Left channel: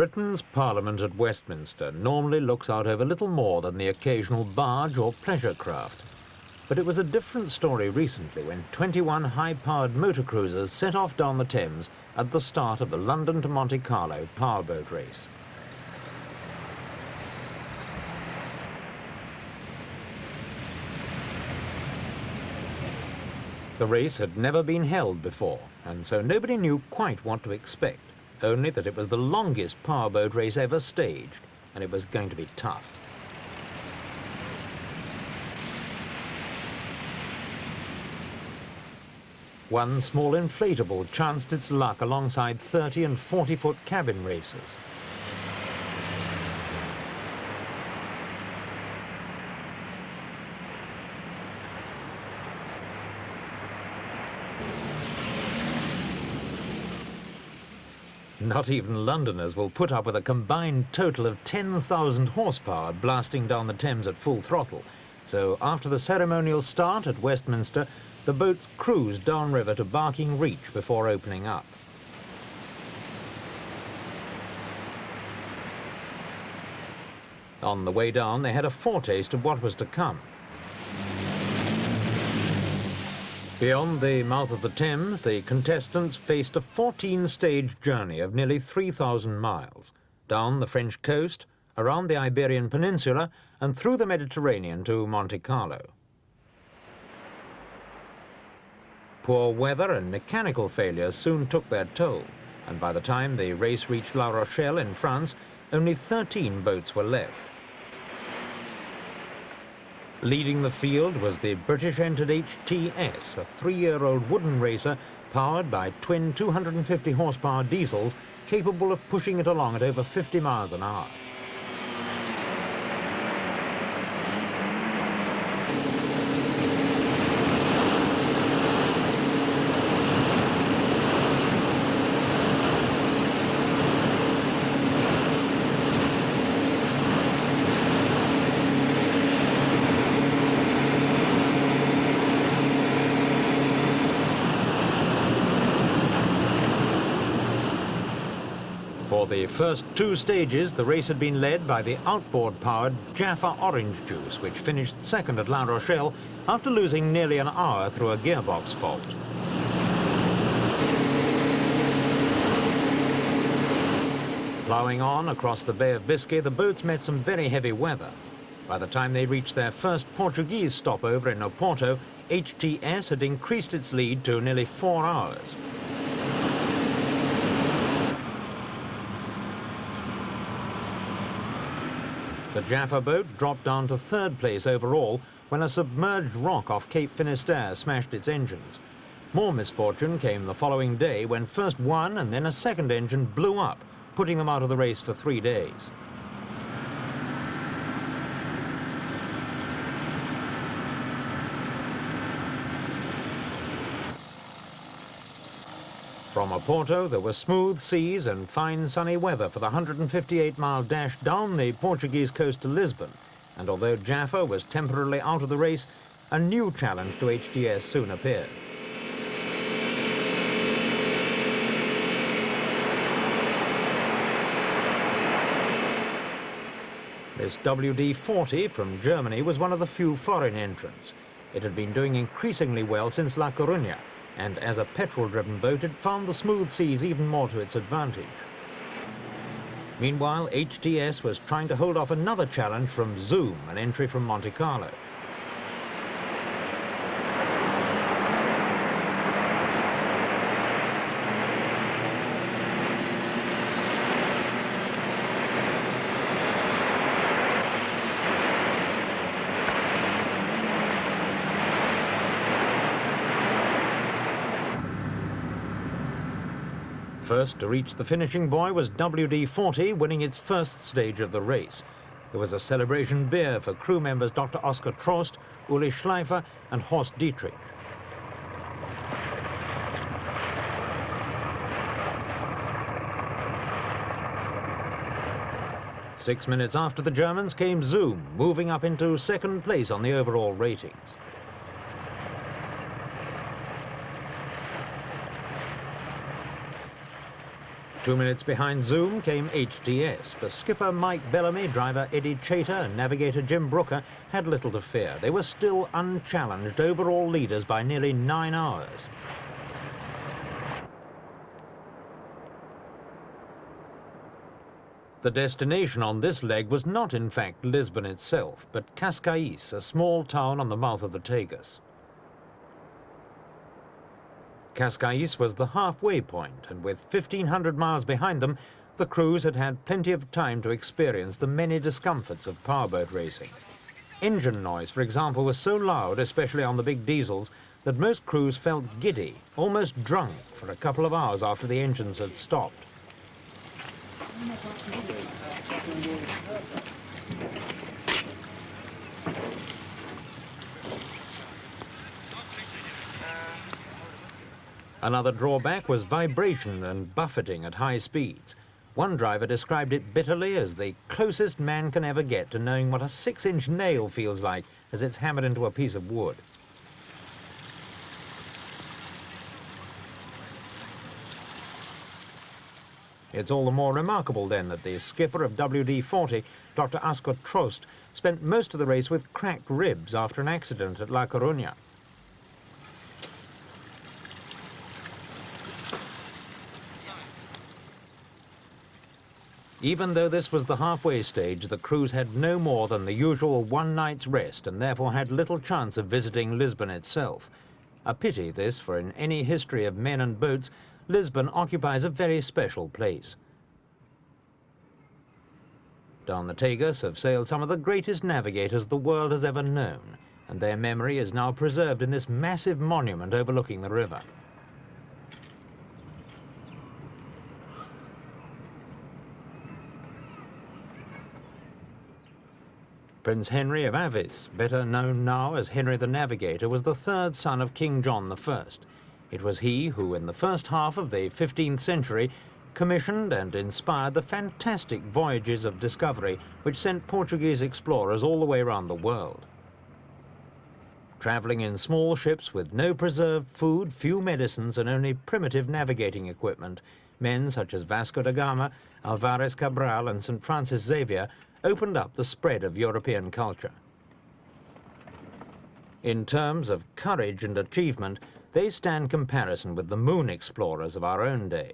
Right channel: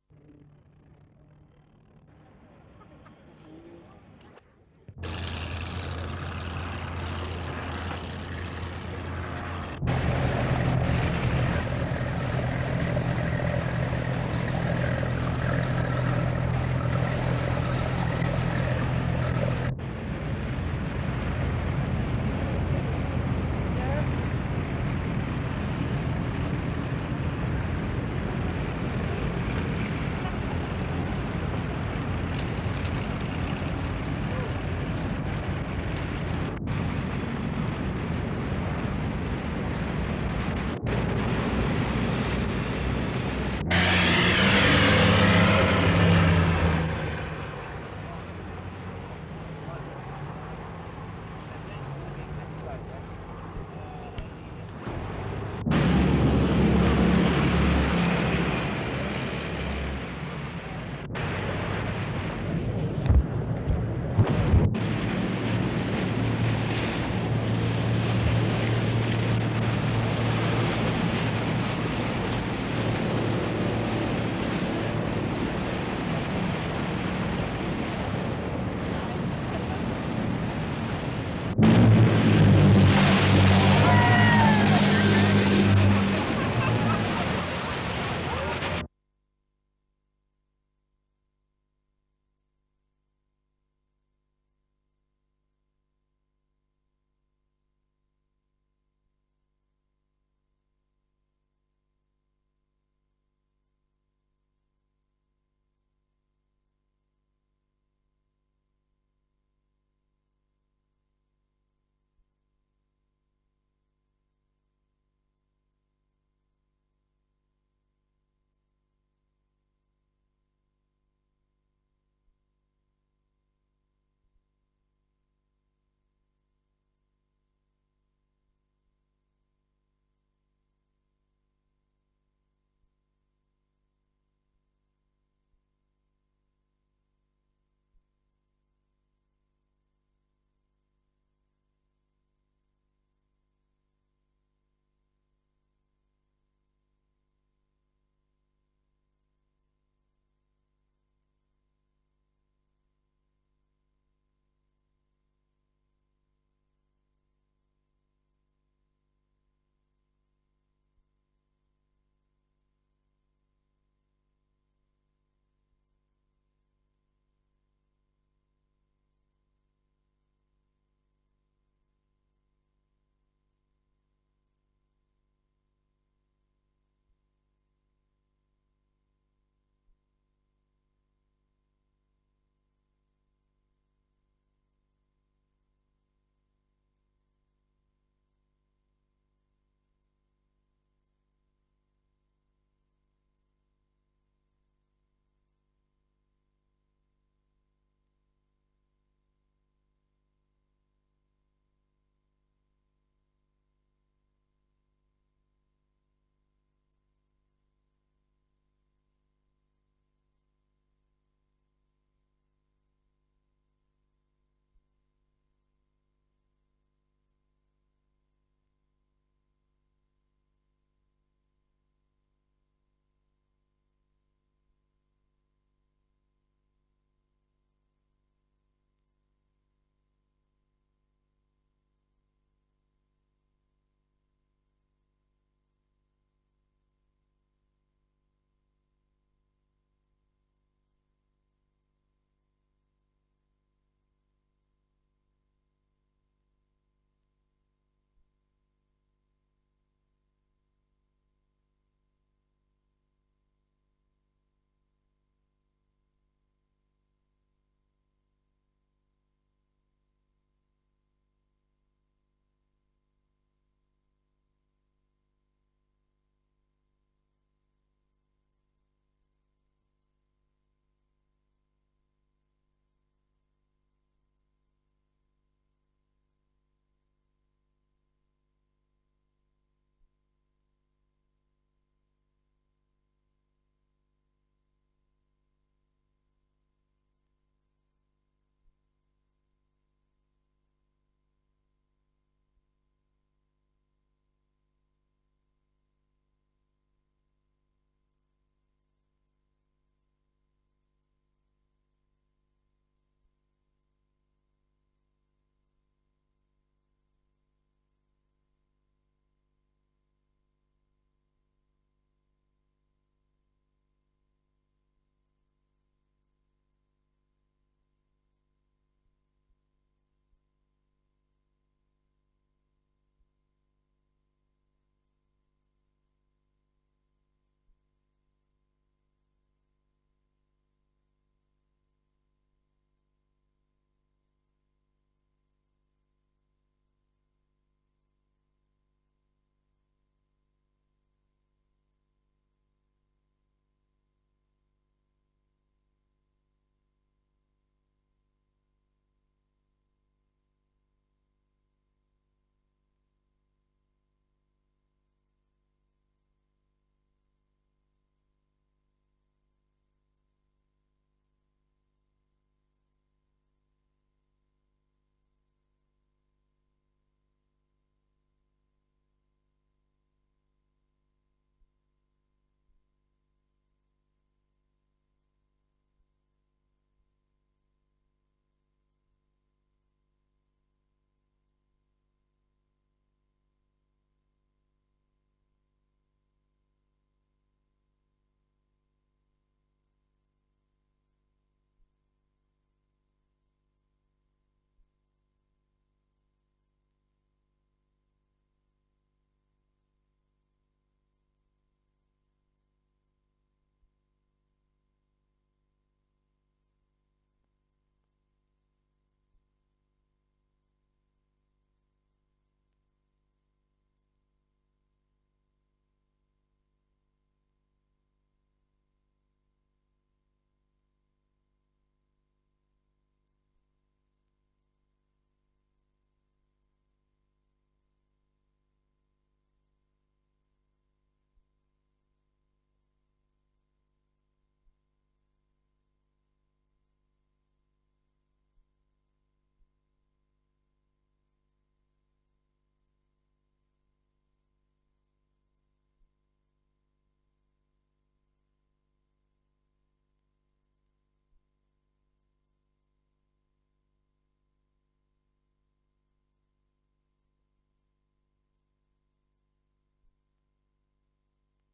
Britain's Parliament at Westminster normally looks out over little more than the occasional barge or pleasure craft. But it was a different story recently when 21 high-powered motor cruisers set off down the Thames at the start of the London to Monte Carlo Powerboat Race. The race had never been held before, and so nobody knew quite what to expect, only that it was the longest powerboat race ever staged, and it was going to be tough. One small inflatable chanced its luck alongside 30 and 40-foot cabin. Not even Londoners will put up with a combined total of 10,000 horsepower blasting down the Thames at full throttle. So after the ceremonial start at Westminster, the boats cruised downriver to Barking Reach before opening up. On the way down, they had a foretaste of what was to come. Beyond the mouth of the Thames, the contestants faced a 14-stage journey of nearly 3,000 miles, down the French coast, around the Iberian Peninsula, and through the Mediterranean to Monte Carlo. Poor weather and mechanical failures soon took their toll, and by the time the race reached La Rochelle in France, only 13 boats were left. Leading the field was the British-entered HTS, a 3-year-old wooden racer powered by twin 250-horsepower diesels capable of pushing it along at over 50 miles an hour. For the first 2 stages, the race had been led by the outboard-powered Jaffa Orange Juice, which finished second at La Rochelle after losing nearly an hour through a gearbox fault. Ploughing on across the Bay of Biscay, the boats met some very heavy weather. By the time they reached their first Portuguese stopover in Oporto, HTS had increased its lead to nearly 4 hours. The Jaffa boat dropped down to 3rd place overall when a submerged rock off Cape Finisterre smashed its engines. More misfortune came the following day when first one and then a second engine blew up, putting them out of the race for 3 days. From Oporto, there were smooth seas and fine sunny weather for the 158-mile dash down the Portuguese coast to Lisbon, and although Jaffa was temporarily out of the race, a new challenge to HTS soon appeared. This WD-40 from Germany was one of the few foreign entrants. It had been doing increasingly well since La Coruña, and as a petrol-driven boat, it found the smooth seas even more to its advantage. Meanwhile, HTS was trying to hold off another challenge from Zoom, an entry from Monte Carlo. First to reach the finishing buoy was WD-40, winning its first stage of the race. There was a celebration beer for crew members Dr. Oskar Trost, Uli Schleifer and Horst Dietrich. Six minutes after the Germans came Zoom, moving up into 2nd place on the overall ratings. 2 minutes behind Zoom came HTS, but skipper Mike Bellamy, driver Eddie Chater and navigator Jim Brooker had little to fear. They were still unchallenged overall leaders by nearly 9 hours. The destination on this leg was not in fact Lisbon itself, but Cascais, a small town on the mouth of the Tagus. Cascais was the halfway point, and with 1,500 miles behind them, the crews had had plenty of time to experience the many discomforts of powerboat racing. Engine noise, for example, was so loud, especially on the big diesels, that most crews felt giddy, almost drunk, for a couple of hours after the engines had stopped. Another drawback was vibration and buffeting at high speeds. One driver described it bitterly as the closest man can ever get to knowing what a 6-inch nail feels like as it's hammered into a piece of wood. It's all the more remarkable then that the skipper of WD-40, Dr. Ascot Trost, spent most of the race with cracked ribs after an accident at La Coruña. Even though this was the halfway stage, the crews had no more than the usual one night's rest and therefore had little chance of visiting Lisbon itself. A pity this, for in any history of men and boats, Lisbon occupies a very special place. Down the Tagus have sailed some of the greatest navigators the world has ever known, and their memory is now preserved in this massive monument overlooking the river. Prince Henry of Avis, better known now as Henry the Navigator, was the third son of King John I. It was he who, in the first half of the 15th century, commissioned and inspired the fantastic voyages of discovery which sent Portuguese explorers all the way around the world. Travelling in small ships with no preserved food, few medicines, and only primitive navigating equipment, men such as Vasco da Gama, Alvarez Cabral, and St. Francis Xavier opened up the spread of European culture. In terms of courage and achievement, they stand comparison with the moon explorers of our own day.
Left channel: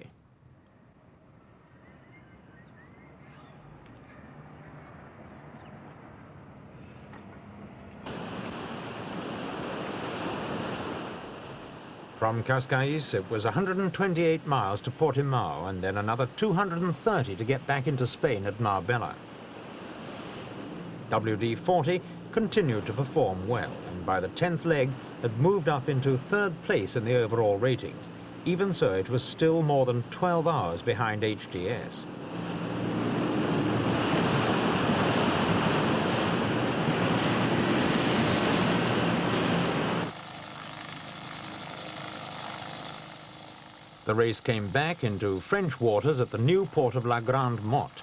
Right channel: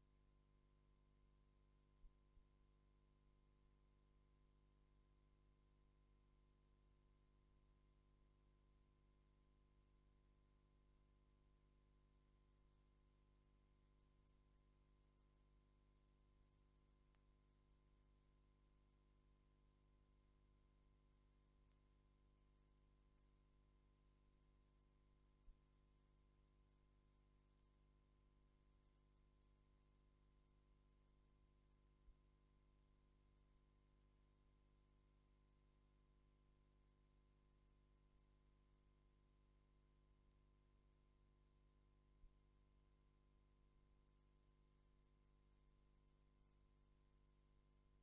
From Cascais, it was 128 miles to Portimao, and then another 230 to get back into Spain at Marbella. WD-40 continued to perform well, and by the 10th leg had moved up into 3rd place in the overall ratings. Even so, it was still more than 12 hours behind HTS. The race came back into French waters at the new port of La Grande Motte.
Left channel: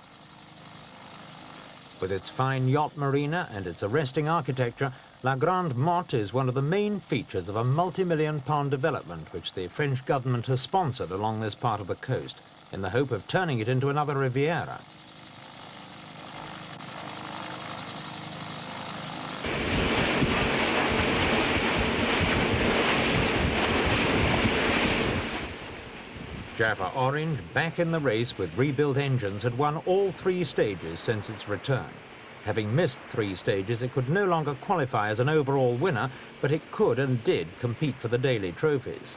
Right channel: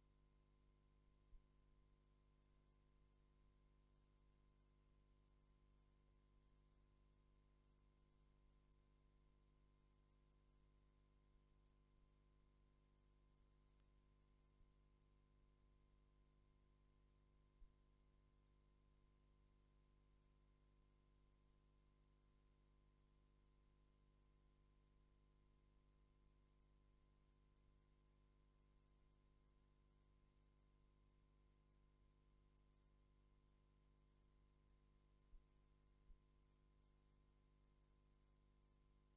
With its fine yacht marina and its arresting architecture, La Grande Motte is one of the main features of a multi-million-pound development which the French government has sponsored along this part of the coast, in the hope of turning it into another Riviera. Jaffa Orange, back in the race with rebuilt engines, had won all 3 stages since its return. Having missed 3 stages, it could no longer qualify as an overall winner, but it could and did compete for the daily trophies.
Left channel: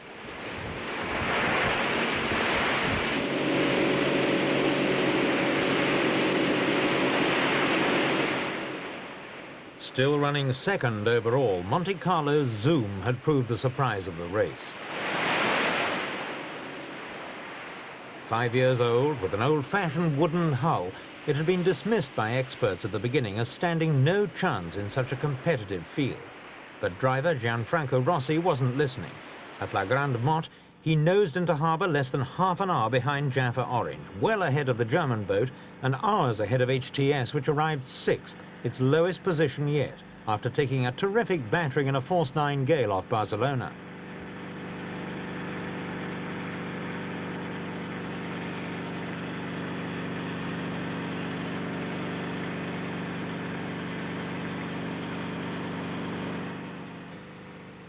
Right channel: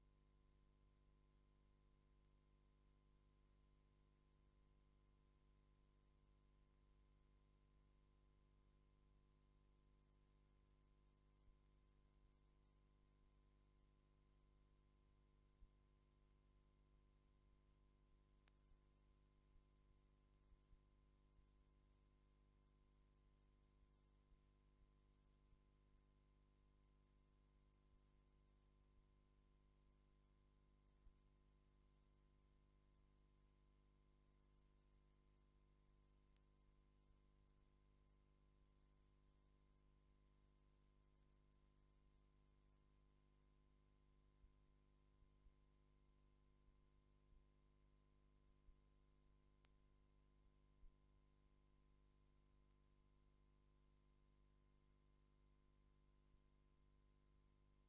Still running second overall, Monte Carlo's Zoom had proved the surprise of the race. 5 years old, with an old-fashioned wooden hull, it had been dismissed by experts at the beginning as standing no chance in such a competitive field. But driver Gianfranco Rossi wasn't listening. At La Grande Motte, he nosed into harbour less than half an hour behind Jaffa Orange, well ahead of the German boat and hours ahead of HTS, which arrived 6th, its lowest position yet, after taking a terrific battering in a force 9 gale off Barcelona.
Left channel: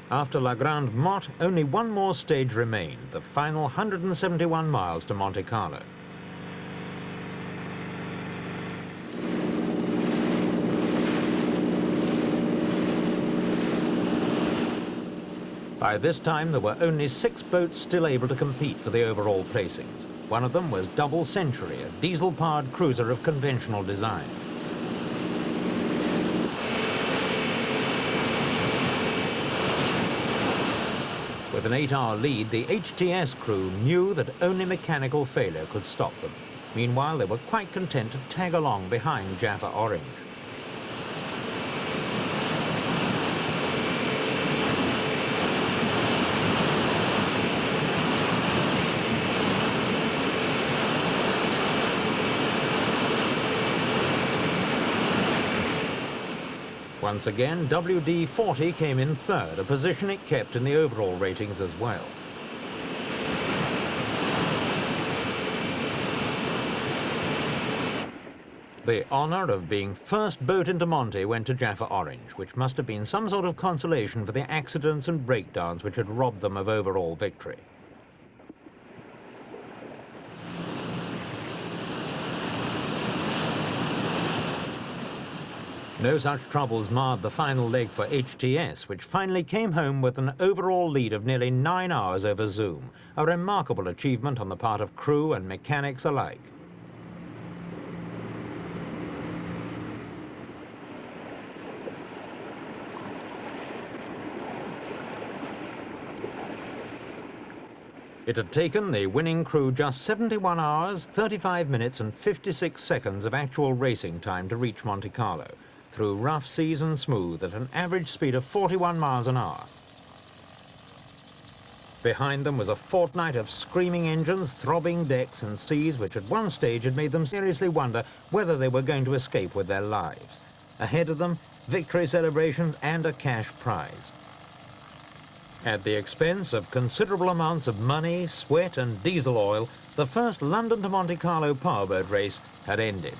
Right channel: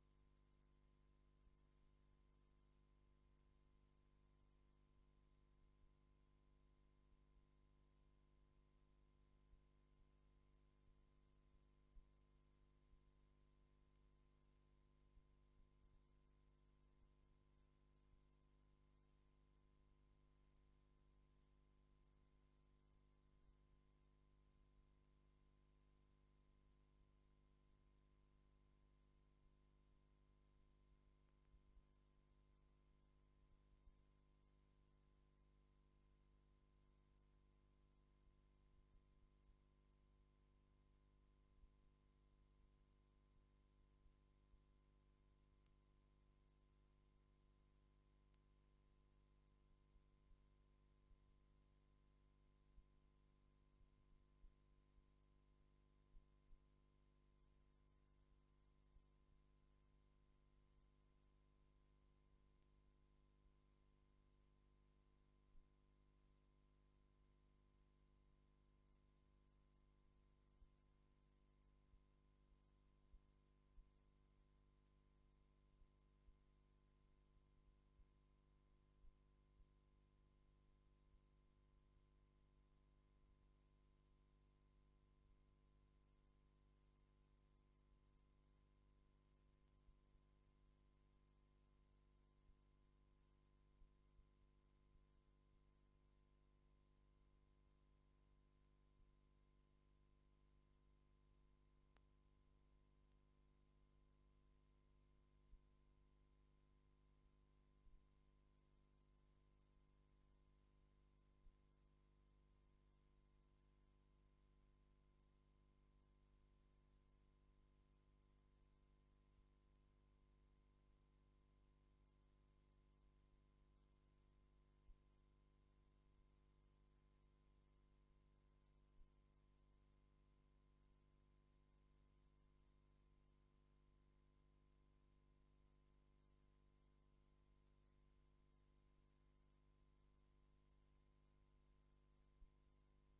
After La Grande Motte, only one more stage remained, the final 171 miles to Monte Carlo. By this time, there were only 6 boats still able to compete for the overall placings. One of them was Double Century, a diesel-powered cruiser of conventional design. With an 8-hour lead, the HTS crew knew that only mechanical failure could stop them. Meanwhile, they were quite content to tag along behind Jaffa Orange. Once again, WD-40 came in third, a position it kept in the overall ratings as well. The honour of being first boat into Monte went to Jaffa Orange, which must have been some sort of consolation for the accidents and breakdowns which had robbed them of overall victory. No such troubles marred the final leg for HTS, which finally came home with an overall lead of nearly 9 hours over Zoom, a remarkable achievement on the part of crew and mechanics alike. It had taken the winning crew just 71 hours, 35 minutes and 56 seconds of actual racing time to reach Monte Carlo, through rough seas and smooth at an average speed of 41 miles an hour. Behind them was a fortnight of screaming engines, throbbing decks and seas which at one stage had made them seriously wonder whether they were going to escape with their lives. Ahead of them, victory celebrations and a cash prize. At the expense of considerable amounts of money, sweat and diesel oil, the first London to Monte Carlo powerboat race had ended.